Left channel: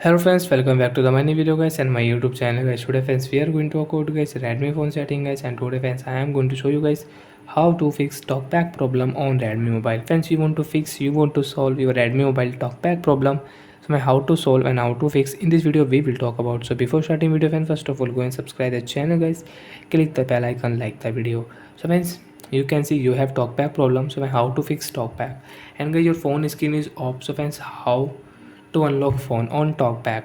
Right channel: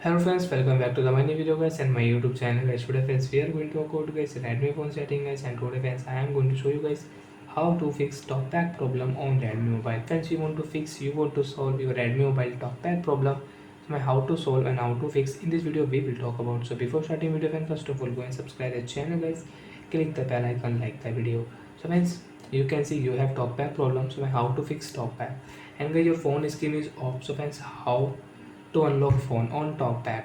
Hello friends, welcome back to the many video guys and my YouTube channel guys. Today friends we are going to talk about guys Redmi phone setting guys, and today friends I am going to show you guys how to fix talkback problem on Redmi mobile. Friends, you want to solve your Redmi mobile talkback problem. So my how to solve and how to fix in this video we will talk about. So before starting video friends, first of all go and subscribe the channel guys, click the bell icon, like the video. So friends, you can see you have talkback problem. So how to fix talkback, and guys your phone screen is off. So friends, how to unlock phone on talkback?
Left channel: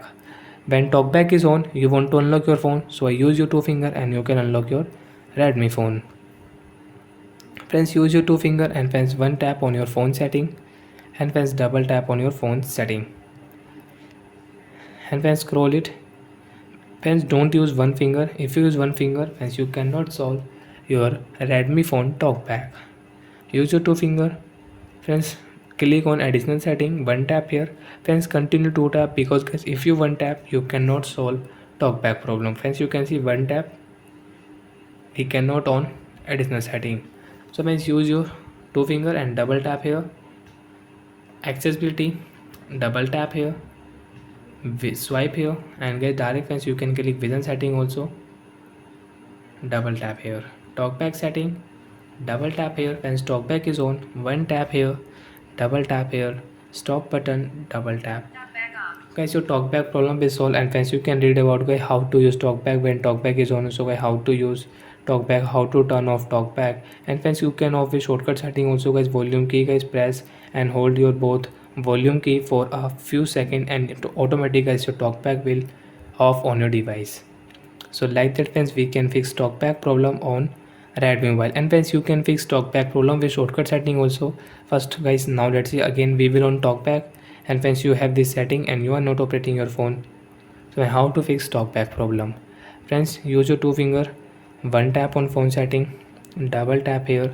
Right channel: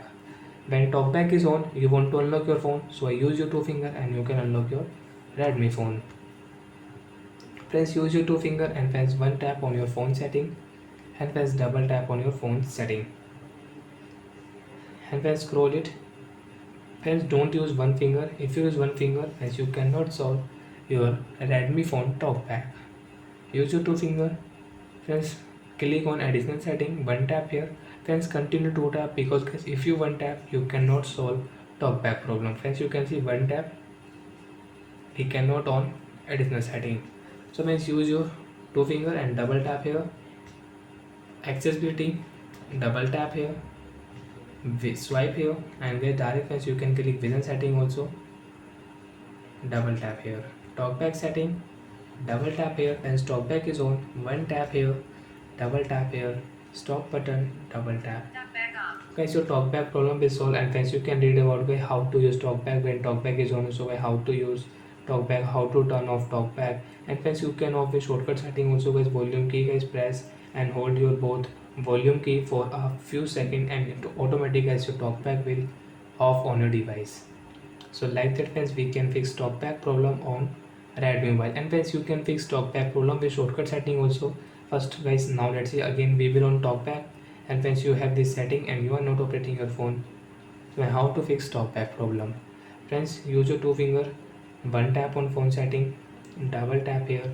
When talkback is on, you want to unlock your phone, so I use your two finger and you can unlock your Redmi phone. Friends, use your two finger and friends one tap on your phone setting, and friends double tap on your phone setting, and friends scroll it. Friends, don't use one finger. If you use one finger, friends, you cannot solve your Redmi phone talkback. Use your two finger. Friends, click on additional setting, one tap here. Friends, continue to tap, because guys if you one tap you cannot solve talkback problem. Friends, you can see one tap we cannot on additional setting. So friends, use your two finger and double tap here. Accessibility, double tap here, swipe here, and get direct. Friends, you can click vision setting also, double tap here. Talkback setting, double tap here. Friends, talkback is on, one tap here, double tap here. Stop button, double tap. Guys, your talkback problem is solved, and friends you can read about guys how to use talkback when talkback is on. So guys, how to use talkback, how to turn off talkback, and friends you can off with shortcut setting also guys. Volume key guys, press and hold your both volume key for a few seconds, and automatically guys your talkback will off on your device. So like that friends, we can fix talkback problem on Redmi mobile. And friends, you can fix talkback problem with shortcut setting also. First guys, now let's see again we will on talkback. And friends, you have this setting and you are not operating your phone. So how to fix talkback problem? Friends, use your two finger, one tap on phone setting, double tap here.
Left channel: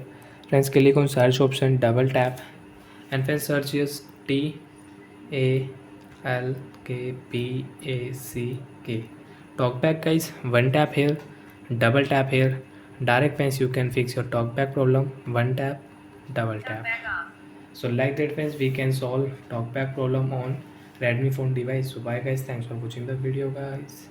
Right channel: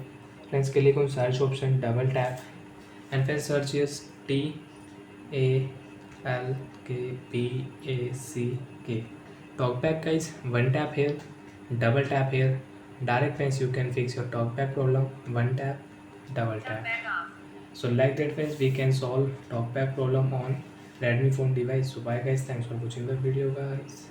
Friends, click on search option, double tap, and friends search is TALKBACK. Talkback guys, one tap here, double tap here. Direct friends, you can fix your talkback problem, one tap, double tap. So like that friends, we can solve talkback problem on Redmi phone device. So bye guys, thanks for watching the video guys.